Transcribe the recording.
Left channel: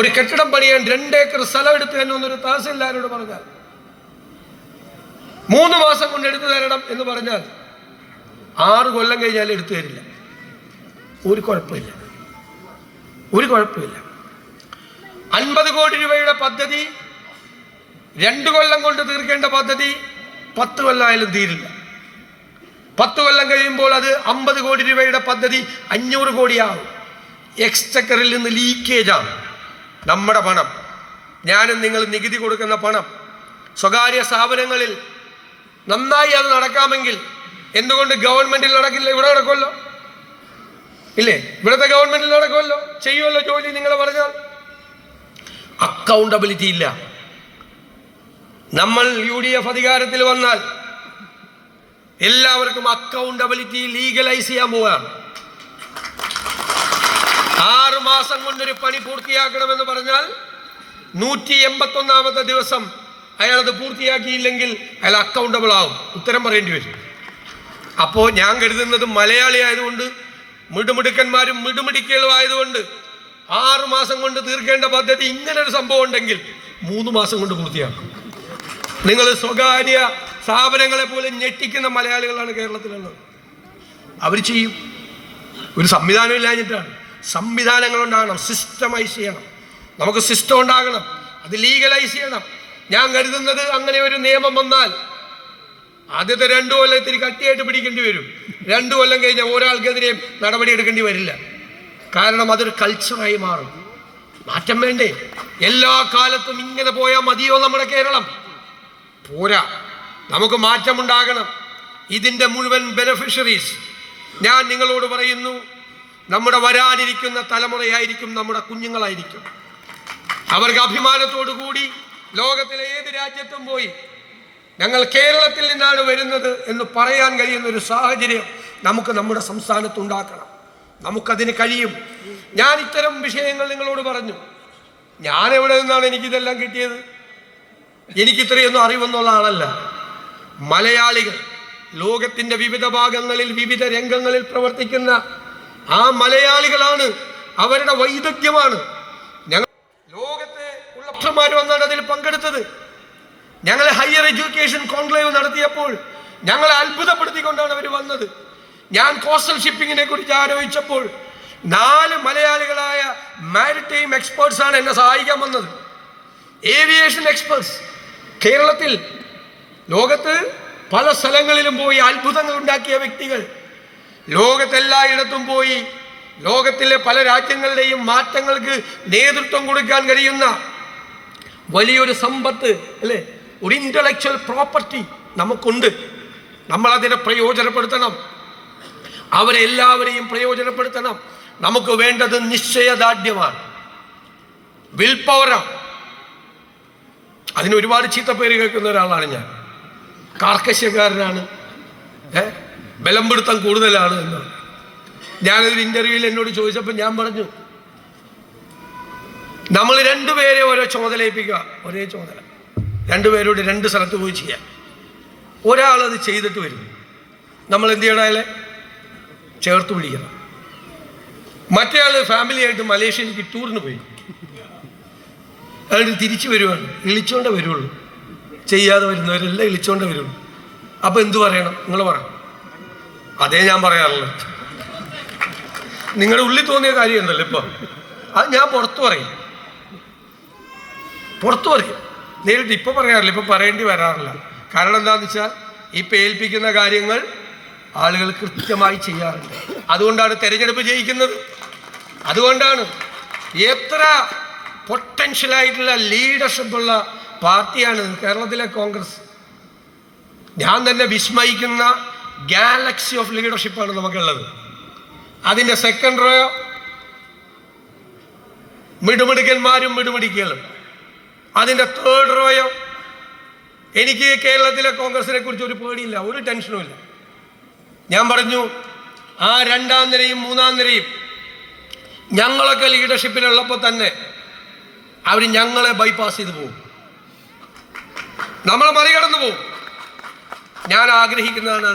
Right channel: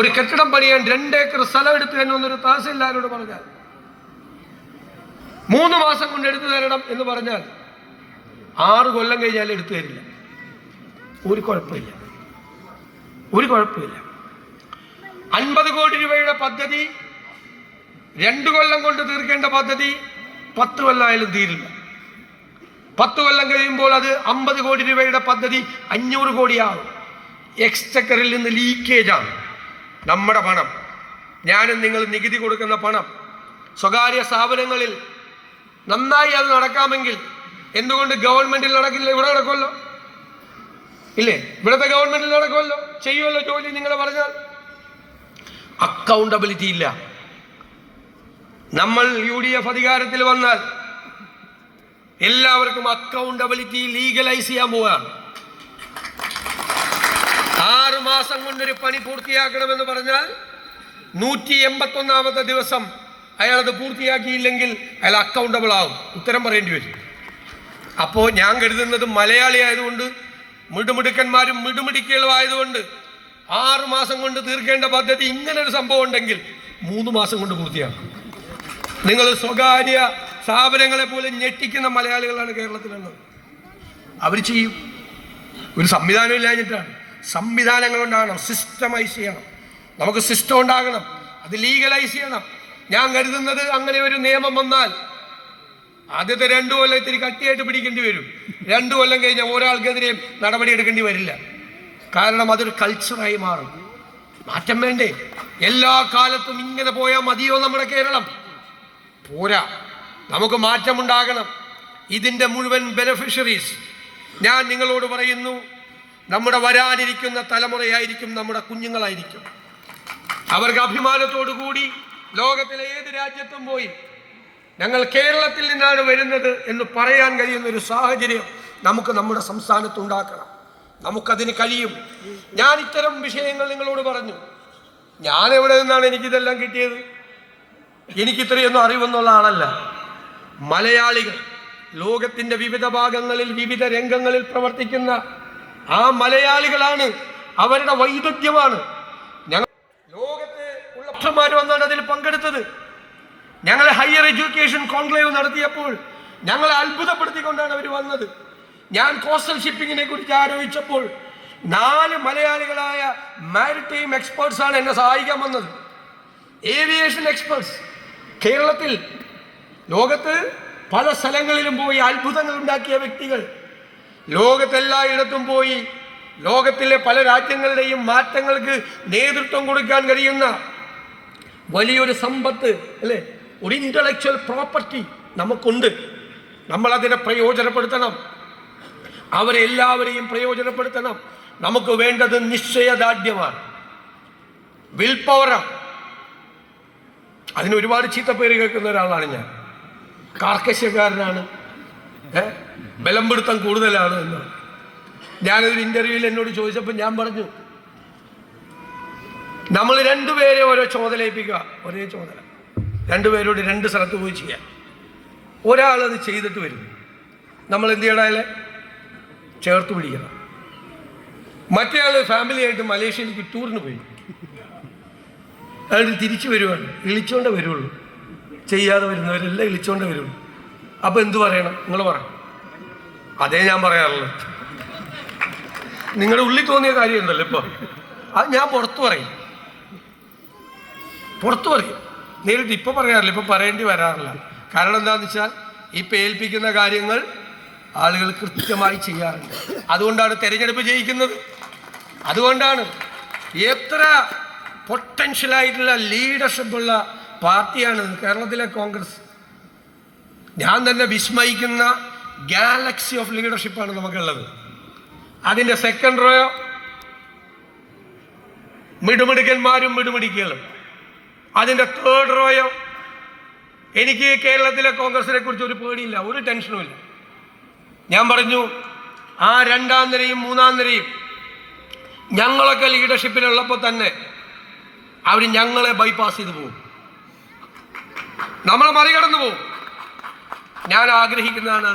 ഒരു കെട്ടിടം പണിയാൻ 2 ഏക്കർ സ്ഥലം എടുത്തു എന്നൊരു തഹസിൽദാരോട് പറഞ്ഞാൽ 3 മാസം കൊണ്ട് എടുത്തു തരണം എന്ന് പറഞ്ഞാൽ 6 കൊല്ലം കഴിഞ്ഞാൽ എടുത്തു തരില്ല. ഒരു കുഴപ്പമില്ല. 50 കോടി രൂപയുടെ പദ്ധതി 2 കൊല്ലം കൊണ്ട് തീർക്കേണ്ട പദ്ധതി 10 കൊല്ലമായാലും തീരില്ല. 10 കൊല്ലം കഴിയുമ്പോൾ അത് 50 കോടി രൂപയുടെ പദ്ധതി 500 കോടിയാവും. എക്സ്ചക്കറിൽ നിന്ന് ലീക്കേജാണ്. നമ്മുടെ പണം, ഞാനും നിങ്ങൾ നികുതി കൊടുക്കുന്ന പണം സ്വകാര്യ സ്ഥാപനങ്ങളിൽ നന്നായി അത് നടക്കാമെങ്കിൽ എന്തുകൊണ്ട് ഗവൺമെന്റിൽ നടക്കില്ല? ഇവിടെ നടക്കുമല്ലോ, ഇല്ലേ? ഇവിടുത്തെ ഗവൺമെന്റിൽ നടക്കുമല്ലോ, ചെയ്യുമല്ലോ ജോലി. നിങ്ങൾ പറഞ്ഞാൽ അക്കൗണ്ടബിലിറ്റി ഇല്ല. നമ്മൾ UDF അധികാരത്തിൽ വന്നാൽ എല്ലാവർക്കും അക്കൗണ്ടബിലിറ്റി ലീഗലൈസ് ചെയ്യാൻ പോവുകയാണ്. 6 മാസം കൊണ്ടൊരു പണി പൂർത്തിയാക്കണമെന്ന് പറഞ്ഞാൽ 181ാമത്തെ ദിവസം അയാളത് പൂർത്തിയാക്കിയില്ലെങ്കിൽ അയാൾ അക്കൗണ്ടബിൾ ആവും, ഉത്തരം പറയേണ്ടി വരും. അപ്പോൾ ഞാൻ കരുതുന്നത് മലയാളി ആയതുകൊണ്ട്, മിടുമിടുക്കന്മാരും മിടുമിടുക്കികളും ആയതുകൊണ്ട് 6 മാസം കൊണ്ട് തീർക്കേണ്ട പദ്ധതി ഇങ്ങനൊരു സംഭവം ഉണ്ടെങ്കിൽ 3 മാസം കൊണ്ട് പൂർത്തിയാക്കും. നിങ്ങൾ സ്വകാര്യ സ്ഥാപനങ്ങളെ പോലെ ഞെട്ടിക്കുന്ന മലയാളികളാണ് കേരളത്തിലുള്ളത്. അവർ ചെയ്യും. ഒരു സംവിധാനം ഇല്ലാഞ്ഞിട്ടാണ്. സംവിധാനങ്ങൾ ഉണ്ടാകണം, സിസ്റ്റമൈസ് ചെയ്യണം. നമുക്ക് സിസ്റ്റം ഉണ്ടാകണം, അത് ലീഗലൈസ് ചെയ്യണം. ഞാൻ കരുതുന്നത് അങ്ങനെ ഒരു നിയമം വന്നാൽ ആദ്യത്തെ 2 കൊല്ലം ഇത്തിരി കട്ടിയായിട്ട് പിടിക്കേണ്ടി വരും. 2 കൊല്ലം കഴിഞ്ഞാൽ ഒരാൾക്കെതിരെയും നടപടി എടുക്കേണ്ടി വരില്ല. കാരണം അതൊരു കൾച്ചറായി മാറും. മാറ്റം വേണ്ടേ? എല്ലാ കാലത്തും ഇങ്ങനെ പോയാൽ മതിയോ നമ്മുടെ കേരളം? പോരാ, നമുക്ക് മാറ്റമുണ്ടാകണം. ഇതിൻ്റെ മുഴുവൻ ബെനഫിഷ്യറീസ് ഞാൻ നിങ്ങളോട് പറയുന്നു, നമ്മുടെ വരാനിരിക്കുന്ന തലമുറയായിരിക്കും, നമ്മുടെ കുഞ്ഞുങ്ങളായിരിക്കും. അവർക്ക് അഭിമാനത്തോടു കൂടി ലോകത്തിലെ ഏത് രാജ്യത്തും പോയി ഞങ്ങൾ കേരളത്തിൽ നിന്നാണ് വരുന്നത് എന്ന് പറയാൻ കഴിയുന്ന ഒരു സാഹചര്യം നമുക്ക് നമ്മുടെ സംസ്ഥാനത്ത് ഉണ്ടാക്കണം. നമുക്കതിന് കഴിയും. ഞാൻ ഇത്തരം വിഷയങ്ങൾ നിങ്ങളോട് പറഞ്ഞു. ഞാൻ എവിടെ നിന്നാണ് എനിക്കിതെല്ലാം കിട്ടിയത്? എനിക്കിത്രയൊന്നും അറിവെന്നുള്ള ആളല്ല. മലയാളികൾ ലോകത്തിൻ്റെ വിവിധ ഭാഗങ്ങളിൽ വിവിധ രംഗങ്ങളിൽ പ്രവർത്തിക്കുന്ന ആ മലയാളികളാണ്, അവരുടെ വൈദഗ്ധ്യമാണ്. ഞങ്ങൾ ലോകത്തെ ഉള്ള ഡോക്ടർമാർ വന്നാണ് അതിൽ പങ്കെടുത്തത്. ഞങ്ങൾ ഹയർ എഡ്യൂക്കേഷൻ കോൺക്ലേവ് നടത്തിയപ്പോൾ ഞങ്ങളെ അത്ഭുതപ്പെടുത്തിക്കൊണ്ടാണ് അവർ വന്നത്. ഞാൻ കോസ്റ്റൽ ഷിപ്പിങ്ങിനെ കുറിച്ച് ആലോചിച്ചപ്പോൾ 4 മലയാളികളായ മാരിടൈം എക്സ്പേർട്സാണ് എന്നെ സഹായിക്കാൻ വന്നത്. ഏവിയേഷൻ എക്സ്പേർട്സ് കേരളത്തിൽ ലോകത്ത് പല സ്ഥലങ്ങളിലും പോയി അത്ഭുതങ്ങൾ ഉണ്ടാക്കിയ വ്യക്തികൾ, ലോകത്തെല്ലായിടത്തും പോയി ലോകത്തിലെ പല രാജ്യങ്ങളുടെയും മാറ്റങ്ങൾക്ക് നേതൃത്വം കൊടുക്കാൻ കഴിയുന്ന വലിയൊരു സമ്പത്ത്, അല്ലേ, ഒരു ഇന്റലക്ച്വൽ പ്രോപ്പർട്ടി നമുക്കുണ്ട്. നമ്മളതിനെ പ്രയോജനപ്പെടുത്തണം. അവരെല്ലാവരെയും പ്രയോജനപ്പെടുത്തണം. നമുക്ക് വേണ്ടത് നിശ്ചയദാർഢ്യമാണ്, വിൽ പവറാണ്. അതിന് ഒരുപാട് ചീത്തപ്പേര് കേൾക്കുന്ന ഒരാളാണ് ഞാൻ. കാർക്കശ്യക്കാരനാണ്, ബലം പിടുത്തം കൂടുതലാണ് എന്ന്. ഞാനൊരു ഇന്റർവ്യൂവിൽ എന്നോട് ചോദിച്ചപ്പോൾ ഞാൻ പറഞ്ഞു, നമ്മൾ 2 പേരെ ഓരോ ചുമതല ഏൽപ്പിക്കുക. ഒരേ ചുമതല 2 പേരോട് 2 സ്ഥലത്ത് പോയി ചെയ്യാൻ. ഒരാളത് ചെയ്തിട്ട് വരും, നമ്മൾ എന്ത് ചെയ്യണമല്ലേ? ചേർത്ത് പിടിക്കണം. മറ്റേ ആൾ ഫാമിലിയായിട്ട് മലേഷ്യയിലേക്ക് ടൂറിന് പോയി, അയാൾ തിരിച്ചു വരുവാണ്, ഇളിച്ചോണ്ടേ വരുള്ളൂ. ചെയ്യാതെ വരുന്നവരെല്ലാം ഇളിച്ചോണ്ടേ വരുള്ളൂ. അപ്പോൾ എന്തു പറയണം? നിങ്ങൾ പറയണം. അതേ ഞാൻ പറയാറുള്ളൂ. നിങ്ങളുടെ ഉള്ളിൽ തോന്നിയ കാര്യം ഉണ്ടല്ലോ ഇപ്പോൾ, അത് ഞാൻ പുറത്തു പറയും. നേരിട്ട് ഇപ്പോൾ പറയാറില്ല, ഇപ്പോൾ പറയേണ്ടി വരാറില്ല. കാരണം എന്താണെന്ന് വെച്ചാൽ ഇപ്പം ഏൽപ്പിക്കുന്ന കാര്യങ്ങൾ ആളുകൾ കൃത്യമായി ചെയ്യാറുണ്ട്. അതുകൊണ്ടാണ് തെരഞ്ഞെടുപ്പ് ജയിക്കുന്നത്. അതുകൊണ്ടാണ് എത്ര പൊട്ടൻഷ്യലായിട്ടുള്ള ലീഡർഷിപ്പുള്ള പാർട്ടിയാണ് കേരളത്തിലെ കോൺഗ്രസ്. ഞാൻ തന്നെ വിസ്മയിക്കുന്ന ഗാലക്സി ഓഫ് ലീഡർഷിപ്പാണ് നമുക്കുള്ളത്. അതിൻ്റെ സെക്കൻഡ് റോ മിടുമിടുക്കന്മാരും മിടുമിടുക്കികളും. അതിൻ്റെ തേർഡ് റോയോ എനിക്ക് കേരളത്തിലെ കോൺഗ്രസിനെ കുറിച്ച് ഒരു പേടിയില്ല, ഒരു ടെൻഷനും ഇല്ല. ഞാൻ പറഞ്ഞു, ആ 2ാം നിരയും 3ാം നിരയും ഞങ്ങളൊക്കെ ലീഡർഷിപ്പിലുള്ളപ്പോൾ തന്നെ അവർ ഞങ്ങളെ ബൈപ്പാസ് ചെയ്ത് പോകും, നമ്മളെ മറികടന്നു പോകും. ഞാൻ ആഗ്രഹിക്കുന്നതാണ്